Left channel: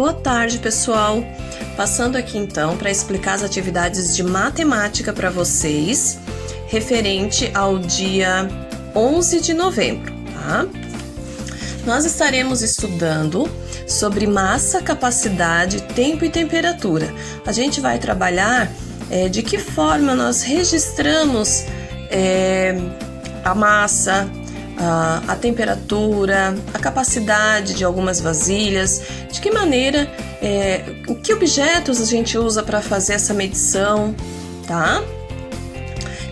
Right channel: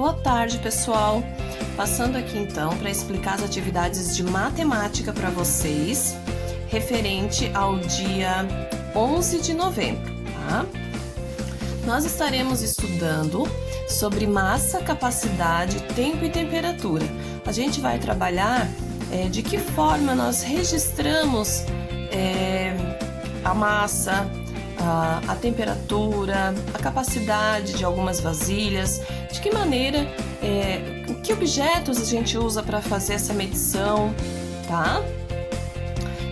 Boa tarde, pessoal! Passando aqui então para explicar as atividades de matemática para vocês, referente ao dia 11 de novembro, tá? Nós estaremos estudando sobre massa, capacidade, tempo e temperatura. A gente vai trabalhar de que forma nós registramos a massa, a temperatura, a capacidade de algumas vasilhas, de que maneira, que objetos a gente usa para fazer essa medição, tá?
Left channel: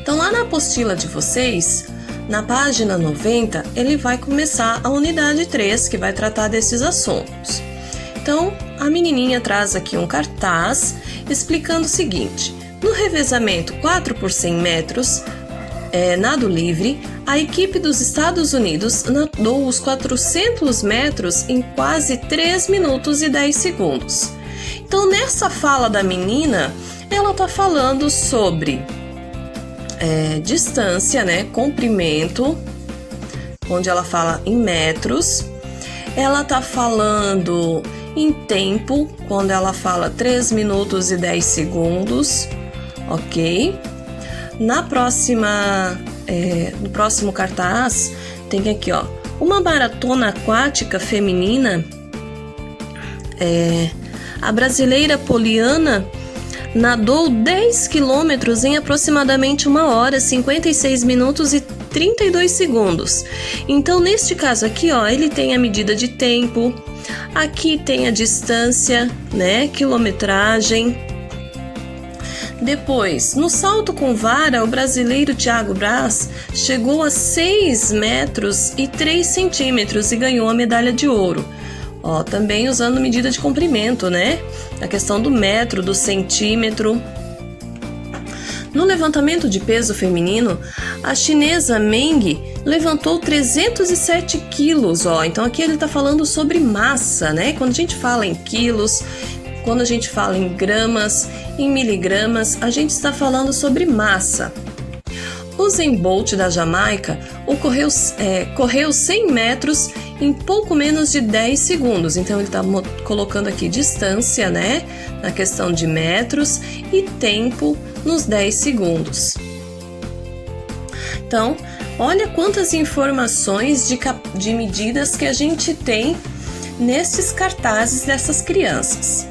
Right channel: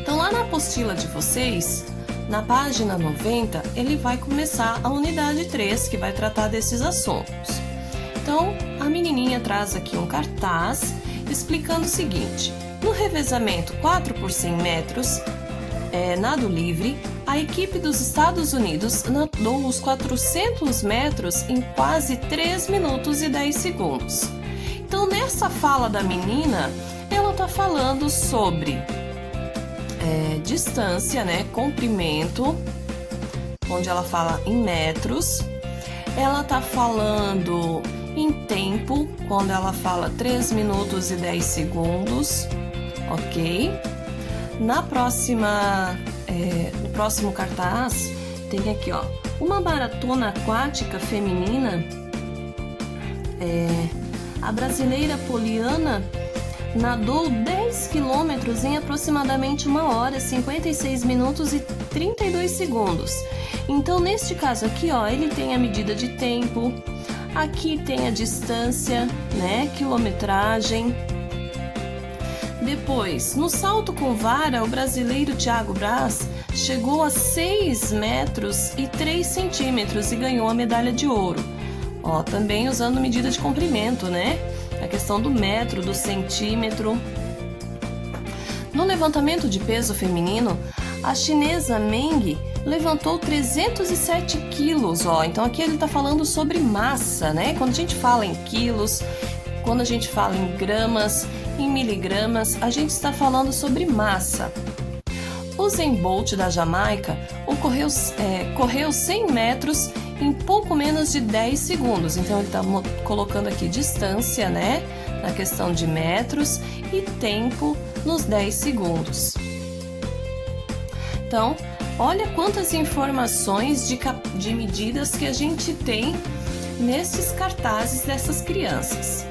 Então, lá na apostila de vocês, na página 90, ele vai começar a unidade 3, que vai tratar desses assuntos. Então, a menininha traz aqui um cartaz explicando o seguinte: no revezamento 4 por 100 metros, nado livre, a equipe dos Estados Unidos nadou os 400 metros em quase 3 minutos e 10 segundos. Então, nessa fala da menina, ela está falando sobre distância, né, comprimento, onde ela fala em metros. Ela está falando em tempo, quando ela fala 3 minutos e 10 segundos, ok? No próximo cartaz, tem aqui, ó, uma maratona aquática feminina. A brasileira Poliana nadou 10 quilômetros em aproximadamente 1 hora, 56 minutos e 32 segundos. Então, neste caso aqui, ó, ele tem a medida de tempo, aqui tem a distância, né, quilometragem. Depois, no salto com vara, o brasileiro Thiago Braz chegou a 6 metros e 3 centímetros e ganhou a medalha de ouro. Ó, também usando medida de comprimento, né? A questão do metro, do centímetro. No levantamento de peso feminino, a chinesa Meng levantou 307 quilos, ó. Então aqui ele tá falando sobre massa, né? Quando a gente fala em quilos, quando a gente fala em gramas, em miligramas, a gente está falando sobre massa. Usain Bolt da Jamaica correu 100 metros em pouco menos de 10 segundos. Então, ele está colocando aqui distância, né, na questão de metros, e tempo nos 10 segundos. Então, olha quantas informações de medidas que a gente tem nesses cartazes dessas crianças.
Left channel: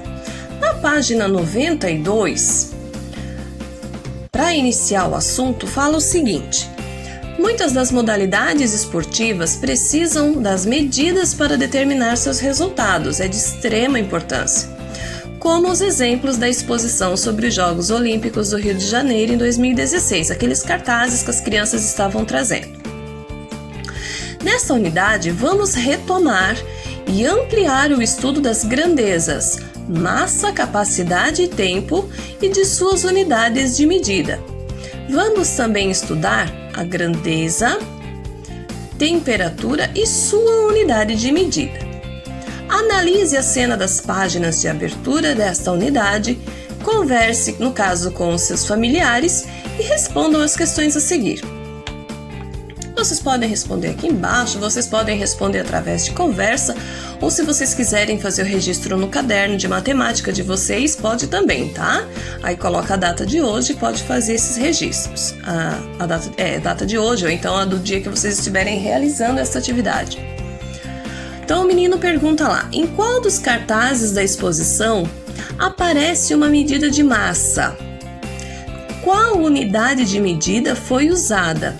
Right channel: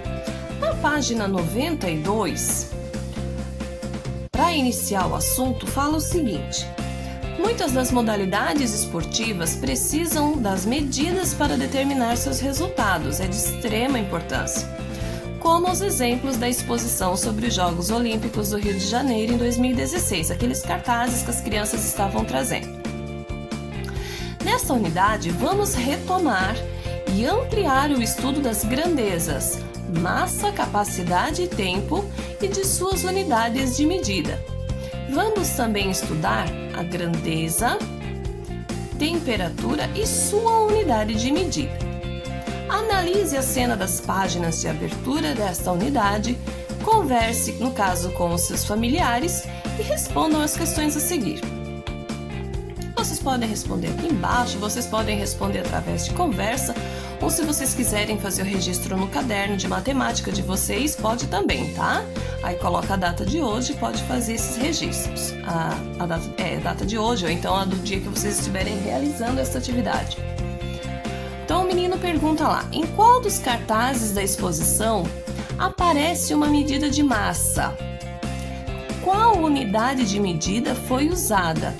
Na página 92, para iniciar o assunto, fala o seguinte: muitas das modalidades esportivas precisam das medidas para determinar seus resultados, é de extrema importância, como os exemplos da exposição sobre os Jogos Olímpicos do Rio de Janeiro em 2016, aqueles cartazes que as crianças estavam trazendo. Nesta unidade, vamos retomar e ampliar o estudo das grandezas, massa, capacidade e tempo e de suas unidades de medida. Vamos também estudar a grandeza, temperatura e sua unidade de medida. Analise a cena das páginas de abertura desta unidade, converse, no caso, com os seus familiares e respondam as questões a seguir. Vocês podem responder aqui embaixo, vocês podem responder através de conversa, ou se vocês quiserem fazer o registro no caderno de matemática de vocês, pode também, tá? Aí coloca a data de hoje e pode fazer esses registros. A data de hoje, ou então a do dia que vocês estiverem realizando essa atividade. Então o menino pergunta lá: em qual dos cartazes da exposição aparece uma medida de massa? Qual unidade de medida foi usada?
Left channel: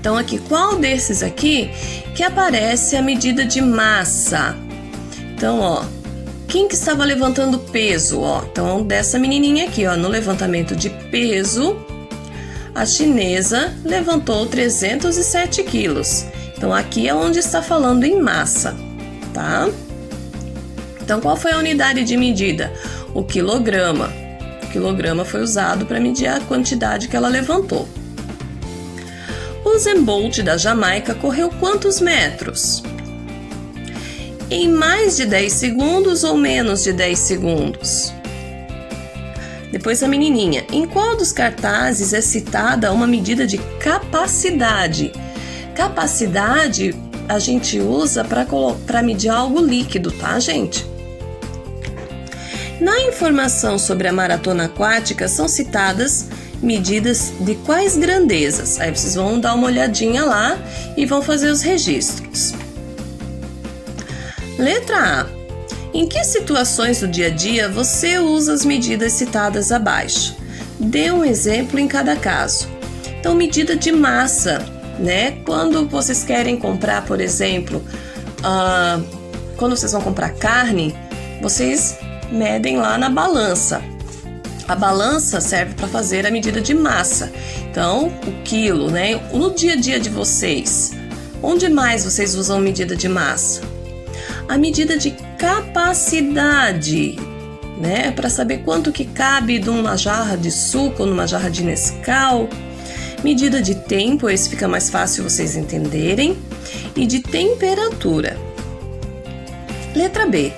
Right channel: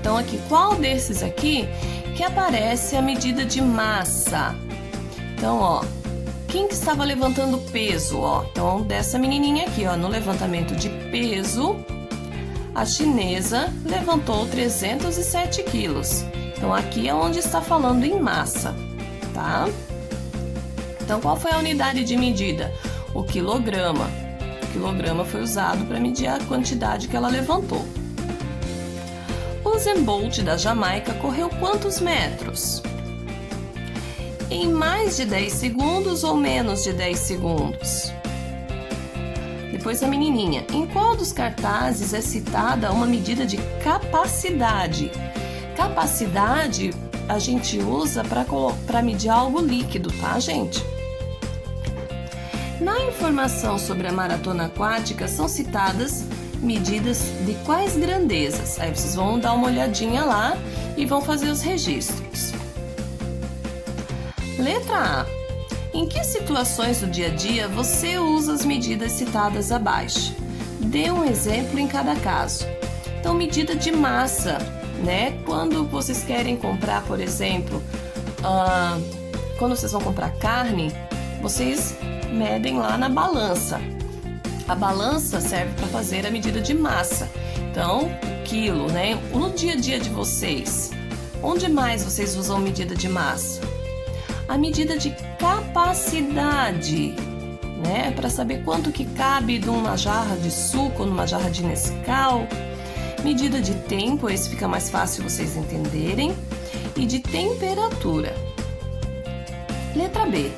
Então aqui, qual desses aqui que aparece a medida de massa? Então, ó, quem que estava levantando peso? Ó, então, dessa menininha aqui, ó, no levantamento de peso, a chinesa levantou 307 quilos. Então, aqui é onde está falando em massa, tá? Então, qual foi a unidade de medida? O quilograma. O quilograma foi usado para medir a quantidade que ela levantou. Usain Bolt da Jamaica correu quantos metros? Em mais de 10 segundos ou menos de 10 segundos? Depois a menininha: em qual dos cartazes é citada uma medida de capacidade? Capacidade a gente usa para medir algo líquido, tá, gente? Na informação sobre a maratona aquática são citadas medidas de quais grandezas? Aí vocês vão dar uma olhadinha lá e vão fazer os registros. Letra A. Em que situações do dia a dia você usa as medidas citadas abaixo? Dê um exemplo em cada caso. Então, medida de massa, né? Quando vocês querem comprar, por exemplo, quando vocês vão comprar carne, vocês medem lá na balança. A balança serve para fazer a medida de massa. Então, o quilo, né? No dia a dia de vocês, onde mais vocês usam medida de massa? A medida de capacidade, né? Para saber quanto que cabe numa jarra de suco, numa jarra de Nescau. Medida de tempo, esse fica mais fácil vocês entenderem. E de temperatura. Letra B.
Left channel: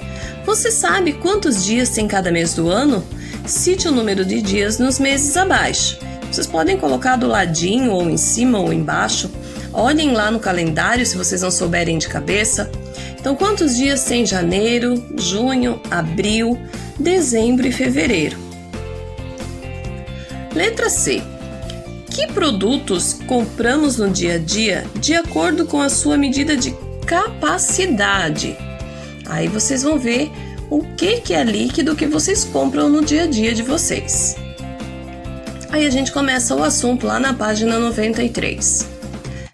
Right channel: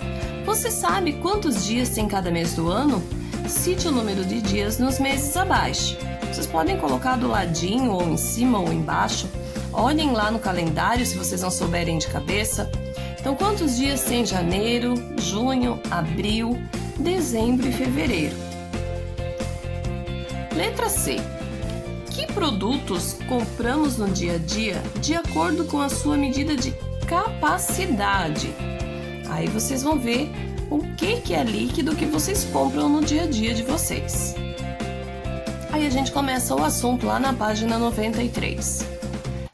Você sabe quantos dias tem cada mês do ano? Cite o número de dias nos meses abaixo. Vocês podem colocar do ladinho, ou em cima, ou embaixo. Olhem lá no calendário se vocês não souberem de cabeça. Então, quantos dias tem janeiro, junho, abril, dezembro e fevereiro? Letra C. Que produtos compramos no dia a dia de acordo com a sua medida de capacidade? Aí vocês vão ver o que é líquido que vocês compram no dia a dia de vocês. Aí a gente começa o assunto lá na página 93.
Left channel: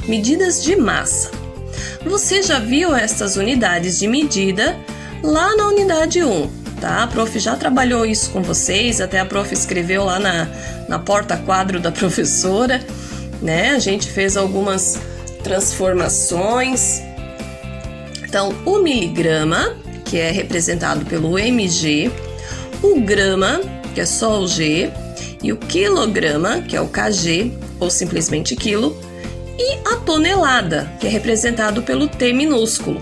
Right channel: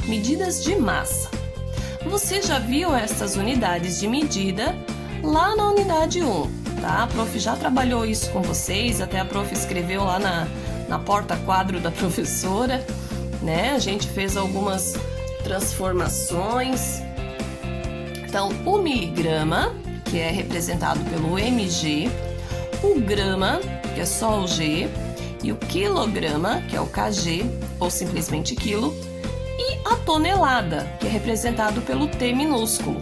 Medidas de massa. Você já viu essas unidades de medida lá na unidade 1, tá? A prof já trabalhou isso com vocês, até a prof escreveu lá na porta-quadro da professora, né? A gente fez algumas transformações. Então, o miligrama, que é representado pelo mg, o grama, que é só o g, e o quilograma, que é o kg, ou simplesmente quilo, e a tonelada, que é representado pelo T minúsculo.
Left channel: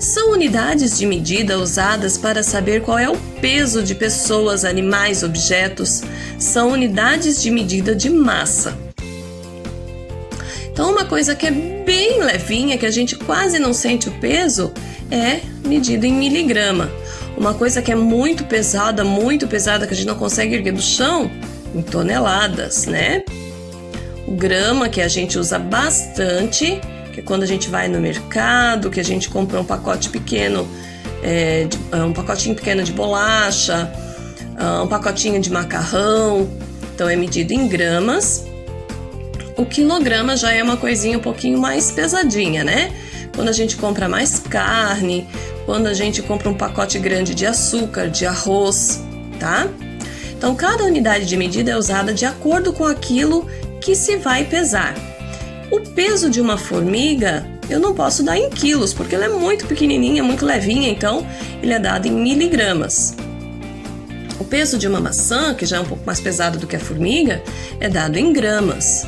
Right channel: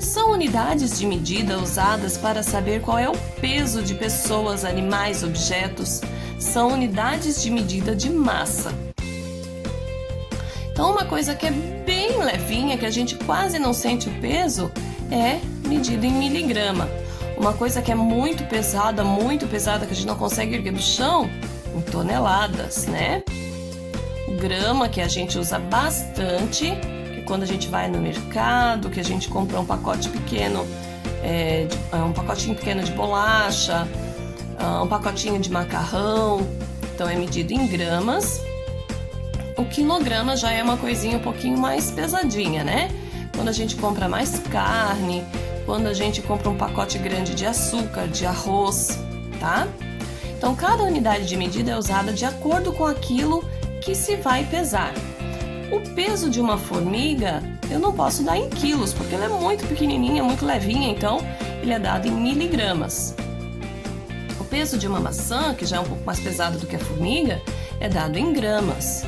São unidades de medida usadas para saber qual é o peso de pessoas, animais, objetos. São unidades de medida de massa. Então, uma coisa que é bem levinha, que a gente quase não sente o peso, é medida em miligrama. Uma coisa que é muito pesada, que a gente não consegue erguer do chão, em toneladas, né? O grama, que a gente usa bastante, que é quando a gente vai no mercado, que a gente compra um pacote pequeno, um pacotinho pequeno de bolacha, um pacotinho de macarrão, então é medido em gramas. O quilograma já é uma coisinha um pouquinho mais pesadinha, né? Quando a gente compra mais carne, quando a gente compra um pacote grande de açúcar, de arroz, tá? Então, cada unidade de medida é usada de acordo com aquilo que se vai pesar. O peso de uma formiga eu não posso dar em quilos, porque ela é muito pequenininha, muito levinha, então ele é dado em miligramas. O peso de uma maçã, que já é um pouco mais pesado do que a formiga, é dado em gramas.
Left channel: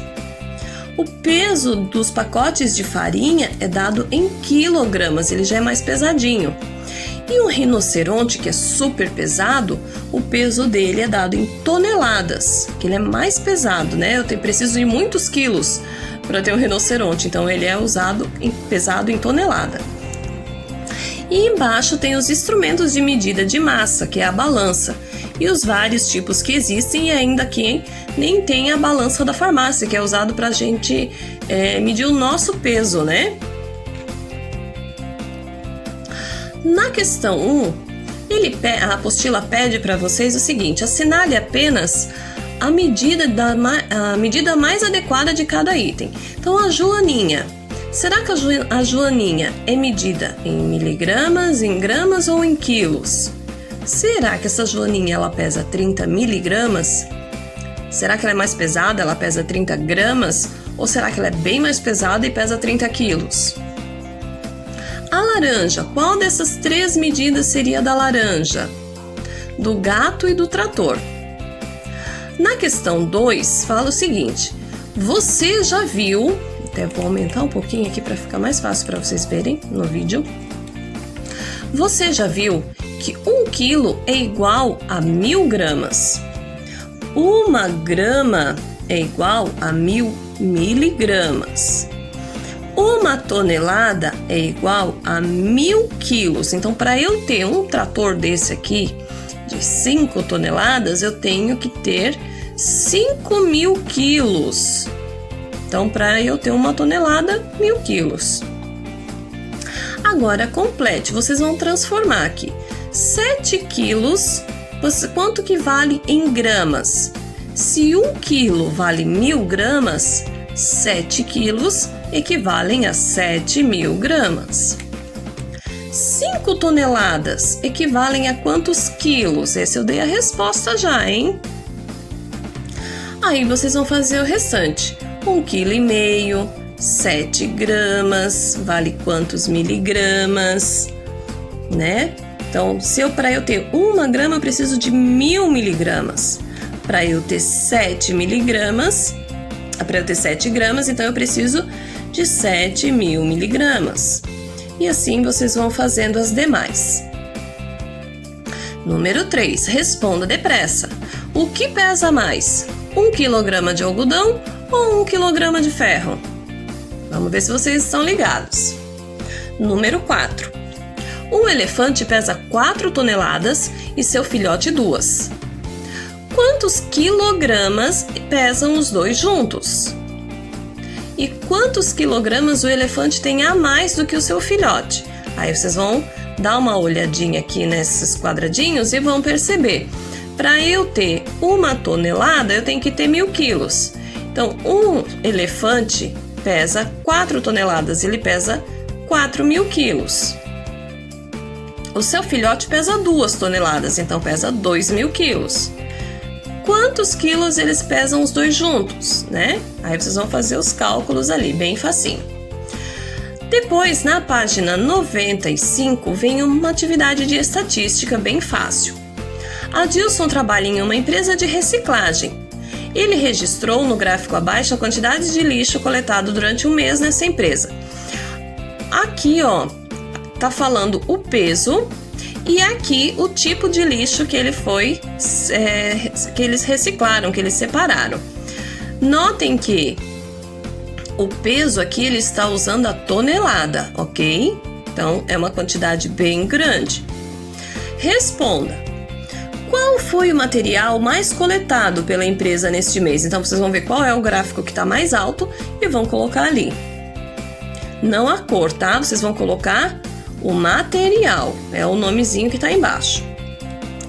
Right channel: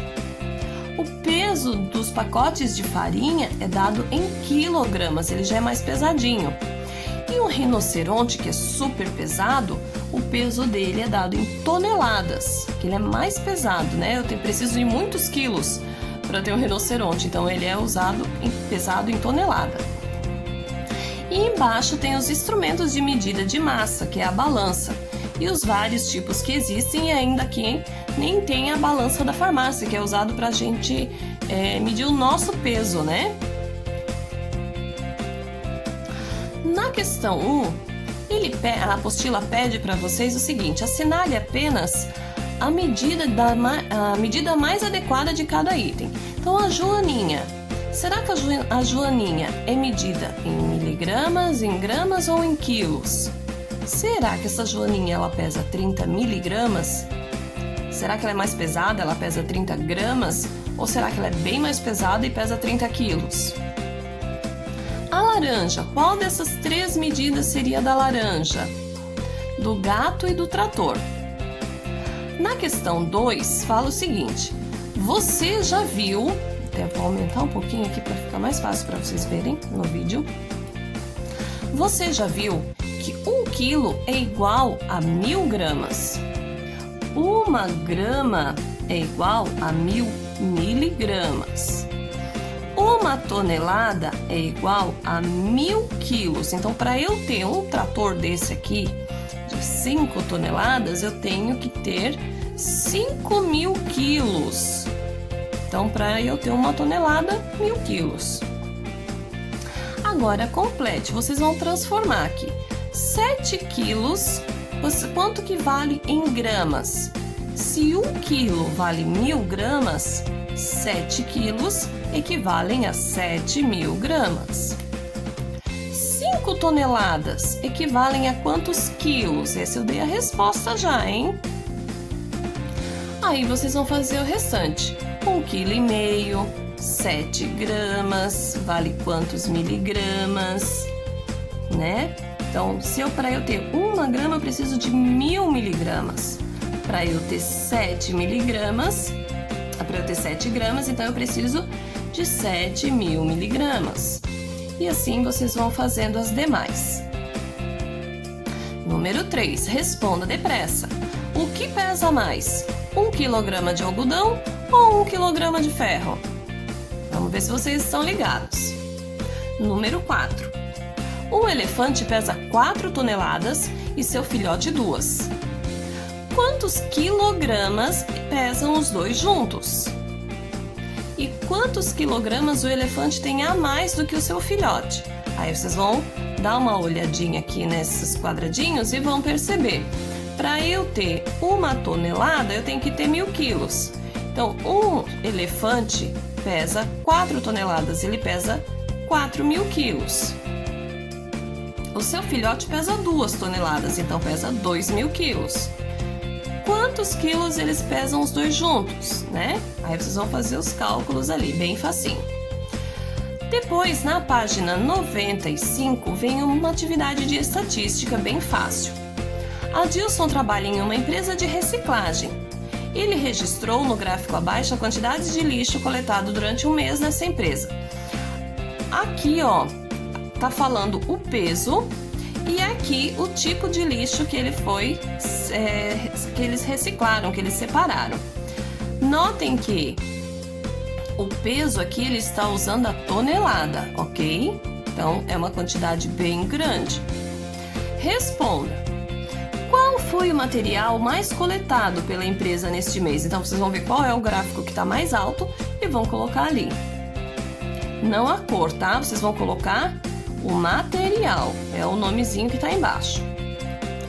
O peso dos pacotes de farinha é dado em quilogramas, ele já é mais pesadinho. E o rinoceronte, que é super pesado, o peso dele é dado em toneladas, que ele é mais pesado, né? Eu preciso de muitos quilos para ter um rinoceronte, então ele é pesado em tonelada. E embaixo tem os instrumentos de medida de massa, que é a balança, e os vários tipos que existem, e ainda quem nem tem a balança da farmácia, que é usado para a gente medir o nosso peso, né? Na questão 1, a apostila pede para vocês o seguinte: assinale apenas a medida mais adequada de cada item. Então, a joaninha. Será que a joaninha é medida em miligramas, em gramas ou em quilos? Será que essa joaninha ela pesa 30 miligramas? Será que ela é mais pesada, ela pesa 30 gramas? Ou será que ela é bem mais pesada e pesa 30 quilos? A laranja, qual dessas três medidas seria da laranja? Do gato e do trator. Na questão 2, fala o seguinte: você já viu, até vou aumentar um pouquinho aqui para ficar mais fácil para vocês verem no vídeo. Você já viu que 1 quilo é igual a 1000 gramas? 1 grama é igual a 1000 miligramas. 1 tonelada é igual a 1000 quilos. Então, para eu ter um trator desse aqui, de 5 toneladas, eu tenho que ter 5.000 quilos. Então, para eu ter 1 tonelada, 1.000 quilos. Agora, complete. Vocês vão transformar aqui. 7 quilos, quanto que vale em gramas? Se 1 quilo vale 1.000 gramas, 7 quilos equivalem a 7.000 gramas. 5 toneladas equivalem a quantos quilos? Esse eu dei a resposta já, hein? Aí vocês vão fazer o restante. 1,5 kg, 7 gramas, vale quantos miligramas, né? Então, para eu ter 1 grama, eu preciso de 1.000 miligramas. Para eu ter 7 miligramas, para eu ter 7 gramas, então eu preciso de 7.000 miligramas. E assim vocês vão fazendo as demais. Número 3. Responda depressa. O que pesa mais? 1 kg de algodão ou 1 kg de ferro? Vamos ver se vocês estão ligados. Número 4. Um elefante pesa 4 toneladas e seu filhote 2. Quantos quilogramas pesam os dois juntos? E quantos quilogramas o elefante tem a mais do que o seu filhote? Aí vocês vão dar uma olhadinha aqui nesses quadradinhos e vão perceber. Para eu ter 1 tonelada, eu tenho que ter 1.000 quilos. Então, um elefante pesa 4 toneladas, ele pesa 4.000 quilos. O seu filhote pesa 2 toneladas, então pesa 2.000 quilos. Quantos quilos eles pesam os dois juntos, né? Aí vocês vão fazer os cálculos ali, bem facinho. Depois, na página 95, vem uma atividade de estatística bem fácil. Adilson trabalha em uma empresa de reciclagem. Ele registrou no gráfico abaixo a quantidade de lixo coletado durante um mês nessa empresa. Aqui, ó, tá falando o peso e aqui o tipo de lixo que ele que eles reciclaram, que eles separaram. Notem que o peso aqui ele está usando a tonelada, ok? Então é uma quantidade bem grande. Responda. Qual foi o material mais coletado pela empresa neste mês? Então vocês vão ver qual é o gráfico que está mais alto e vão colocar ali. Não a cor, tá? Vocês vão colocar o material, é o nomezinho que está embaixo.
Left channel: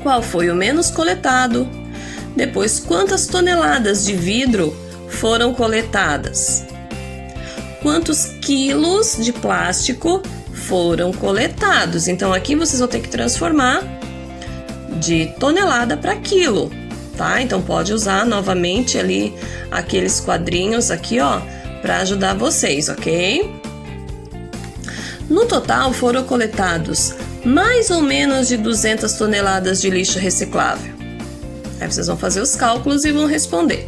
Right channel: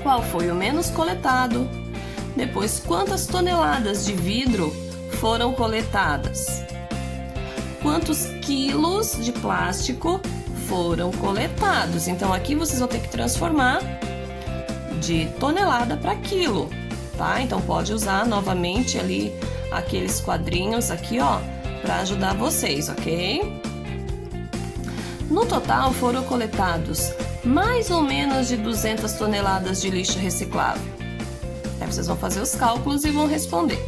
Qual foi o menos coletado? Depois, quantas toneladas de vidro foram coletadas? Quantos quilos de plástico foram coletados? Então, aqui vocês vão ter que transformar de tonelada para quilo, tá? Então, pode usar novamente ali aqueles quadrinhos aqui, ó, para ajudar vocês, ok? No total, foram coletados mais ou menos de 200 toneladas de lixo reciclável. Aí vocês vão fazer os cálculos e vão responder.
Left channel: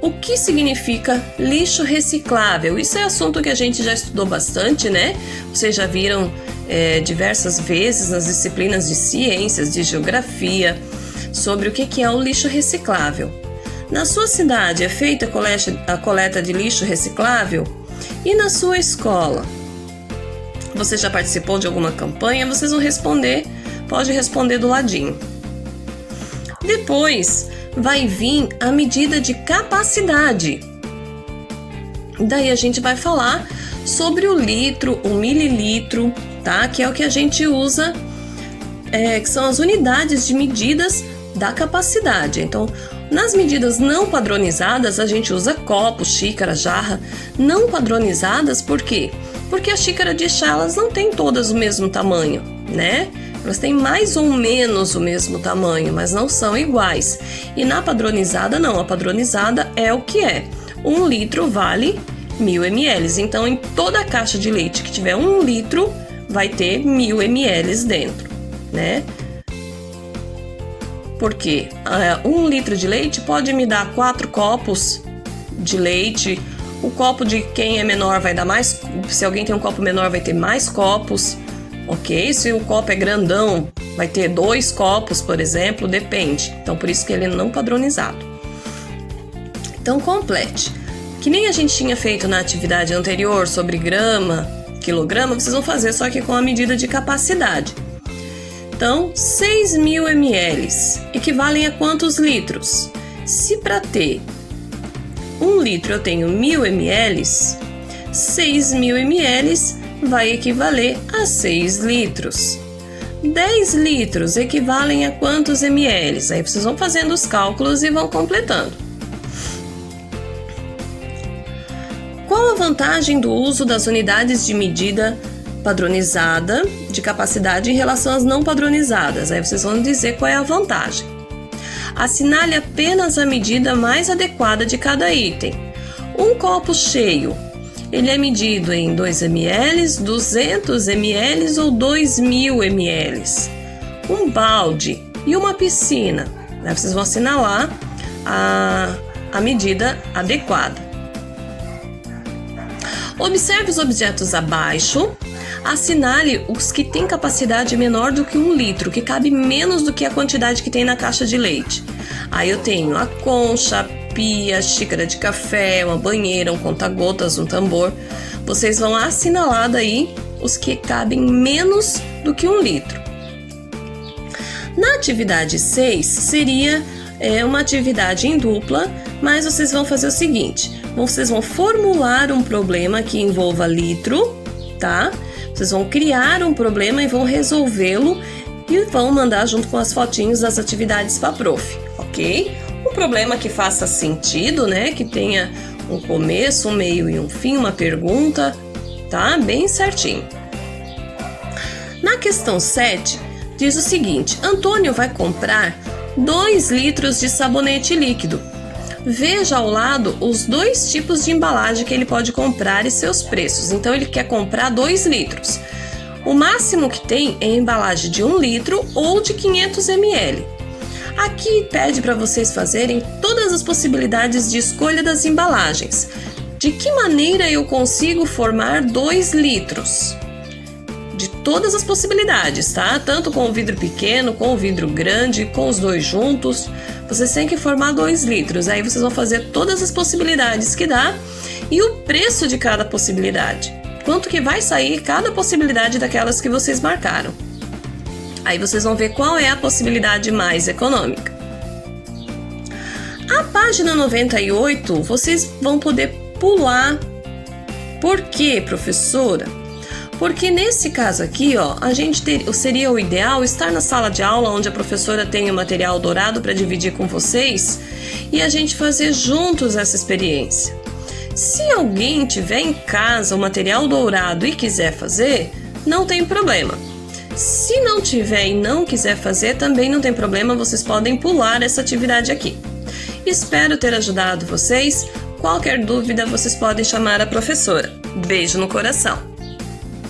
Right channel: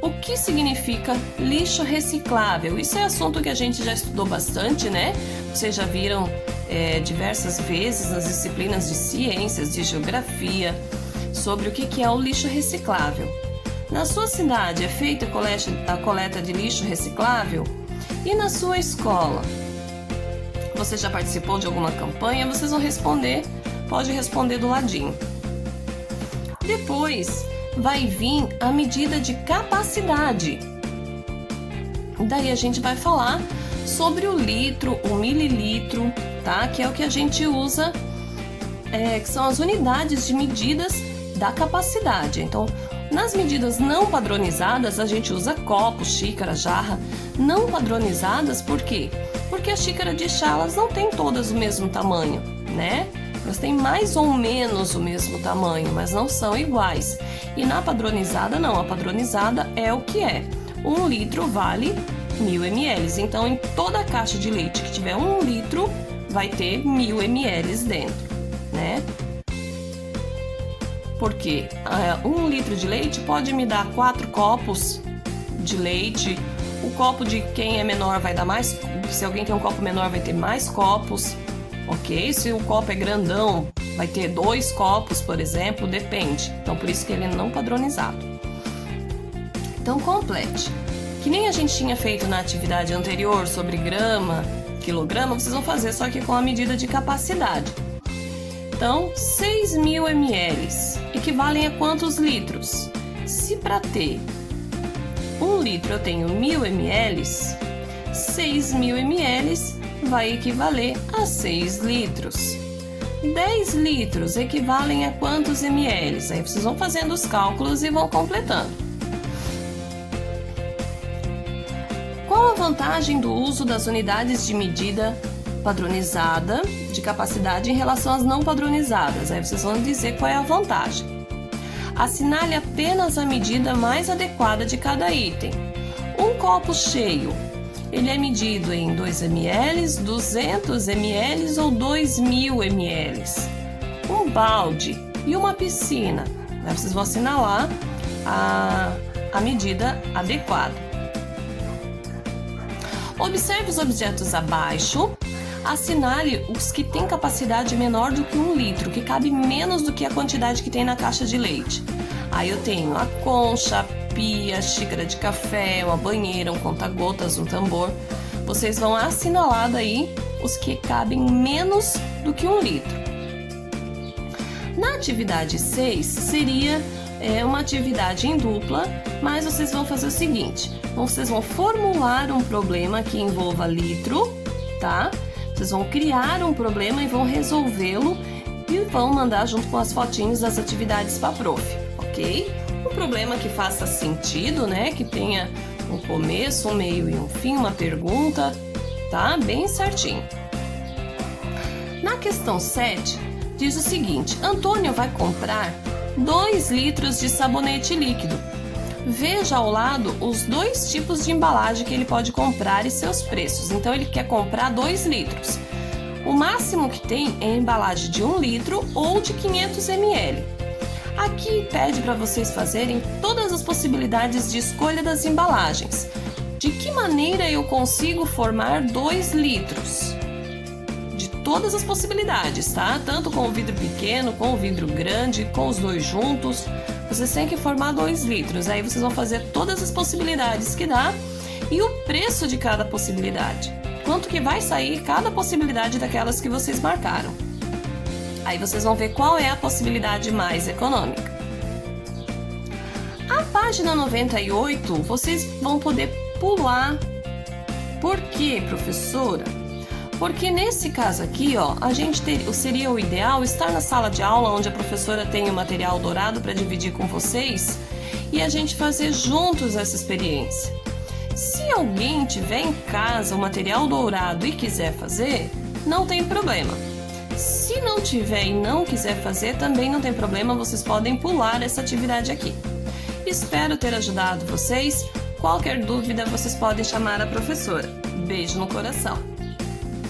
O que significa lixo reciclável? Isso é assunto que a gente já estudou bastante, né? Vocês já viram diversas vezes nas disciplinas de ciências, de geografia, sobre o que é o lixo reciclável. Na sua cidade é feita a coleta de lixo reciclável? E na sua escola? Você já participou de alguma campanha? Vocês vão responder, pode responder do ladinho. Depois vai vir a medida de capacidade. Daí a gente vai falar sobre o litro, o mililitro, tá? Que é o que a gente usa, que são as unidades de medidas da capacidade. Então, nas medidas não padronizadas, a gente usa copo, xícara, jarra. Não padronizadas, por quê? Porque a xícara de chá, elas não têm todas o mesmo tamanho, né? Elas têm mais ou menos o mesmo tamanho, mas não são iguais. E na padronizada, não. A padronizada é o que é. 1 litro vale 1.000 ml. Então, em toda a caixa de leite que tiver 1 litro, vai ter 1.000 ml dentro, né? Porque 1 litro de leite pode me dar 4 copos de leite. O copo de quem é menor vai dar mais. Se alguém tem um copo menor, vai ter mais copos, ok? Se o copo é grandão, vai ter 2 copos, por exemplo, depende. Então, por isso que ele não é padronizado. Então, complete. Que nem a gente tinha feito na atividade anterior sobre grama, quilograma, vocês vão fazer só que com a medida de capacidade. Então, 6.000 ml equivalem a quantos litros? Se para ter 1 litro eu tenho 1.000 ml, 6.000 ml vai equivaler a 6 litros. 10 litros equivalem a quantos ml? Aí vocês vão fazendo os cálculos e vão completando. Qual a vantagem do uso das unidades de medida padronizada de capacidade em relação às não padronizadas? Aí vocês vão dizer qual é a vantagem. Assinale apenas a medida mais adequada de cada item. Um copo cheio, ele é medido em 2 ml, 200 ml ou 2.000 ml. Um balde e uma piscina, né? Vocês vão assinalar a medida adequada. Observe os objetos abaixo. Assinale os que têm capacidade menor do que 1 litro, que cabe menos do que a quantidade que tem na caixa de leite. Aí eu tenho a concha, a pia, xícara de café, uma banheira, um conta-gotas, um tambor. Vocês vão assinalar daí os que cabem menos do que 1 litro. Na atividade 6, seria uma atividade em dupla, mas vocês vão fazer o seguinte: vocês vão formular um problema que envolva litro, tá? Vocês vão criar um problema e vão resolvê-lo e vão mandar junto com as fotinhos das atividades para a prof, ok? Um problema que faça sentido, né? Que tenha um começo, um meio e um fim, uma pergunta, tá? Bem certinho. Na questão 7, diz o seguinte: Antônio vai comprar 2 litros de sabonete líquido. Veja ao lado os 2 tipos de embalagem que ele pode comprar e seus preços. Então, ele quer comprar 2 litros. O máximo que tem é a embalagem de 1 litro ou de 500 ml. Aqui pede para vocês fazerem todas as possibilidades de escolha das embalagens. De que maneira eu consigo formar 2 litros? De todas as possibilidades, tá? Tanto com o vidro pequeno, com o vidro grande, com os 2 juntos. Vocês têm que formar 2 litros. Aí vocês vão fazer todas as possibilidades que dá e o preço de cada possibilidade. Quanto que vai sair cada possibilidade daquelas que vocês marcaram. Aí vocês vão ver qual é a possibilidade mais econômica. A página 98, vocês vão poder pular. Por quê, professora? Porque nesse caso aqui, ó, seria o ideal estar na sala de aula onde a professora tem o material dourado para dividir com vocês e a gente fazer juntos essa experiência. Se alguém tiver em casa o material dourado e quiser fazer, não tem problema. Se não tiver e não quiser fazer, também não tem problema, vocês podem pular essa atividade aqui. Espero ter ajudado vocês. Qualquer dúvida, vocês podem chamar a professora. Beijo no coração!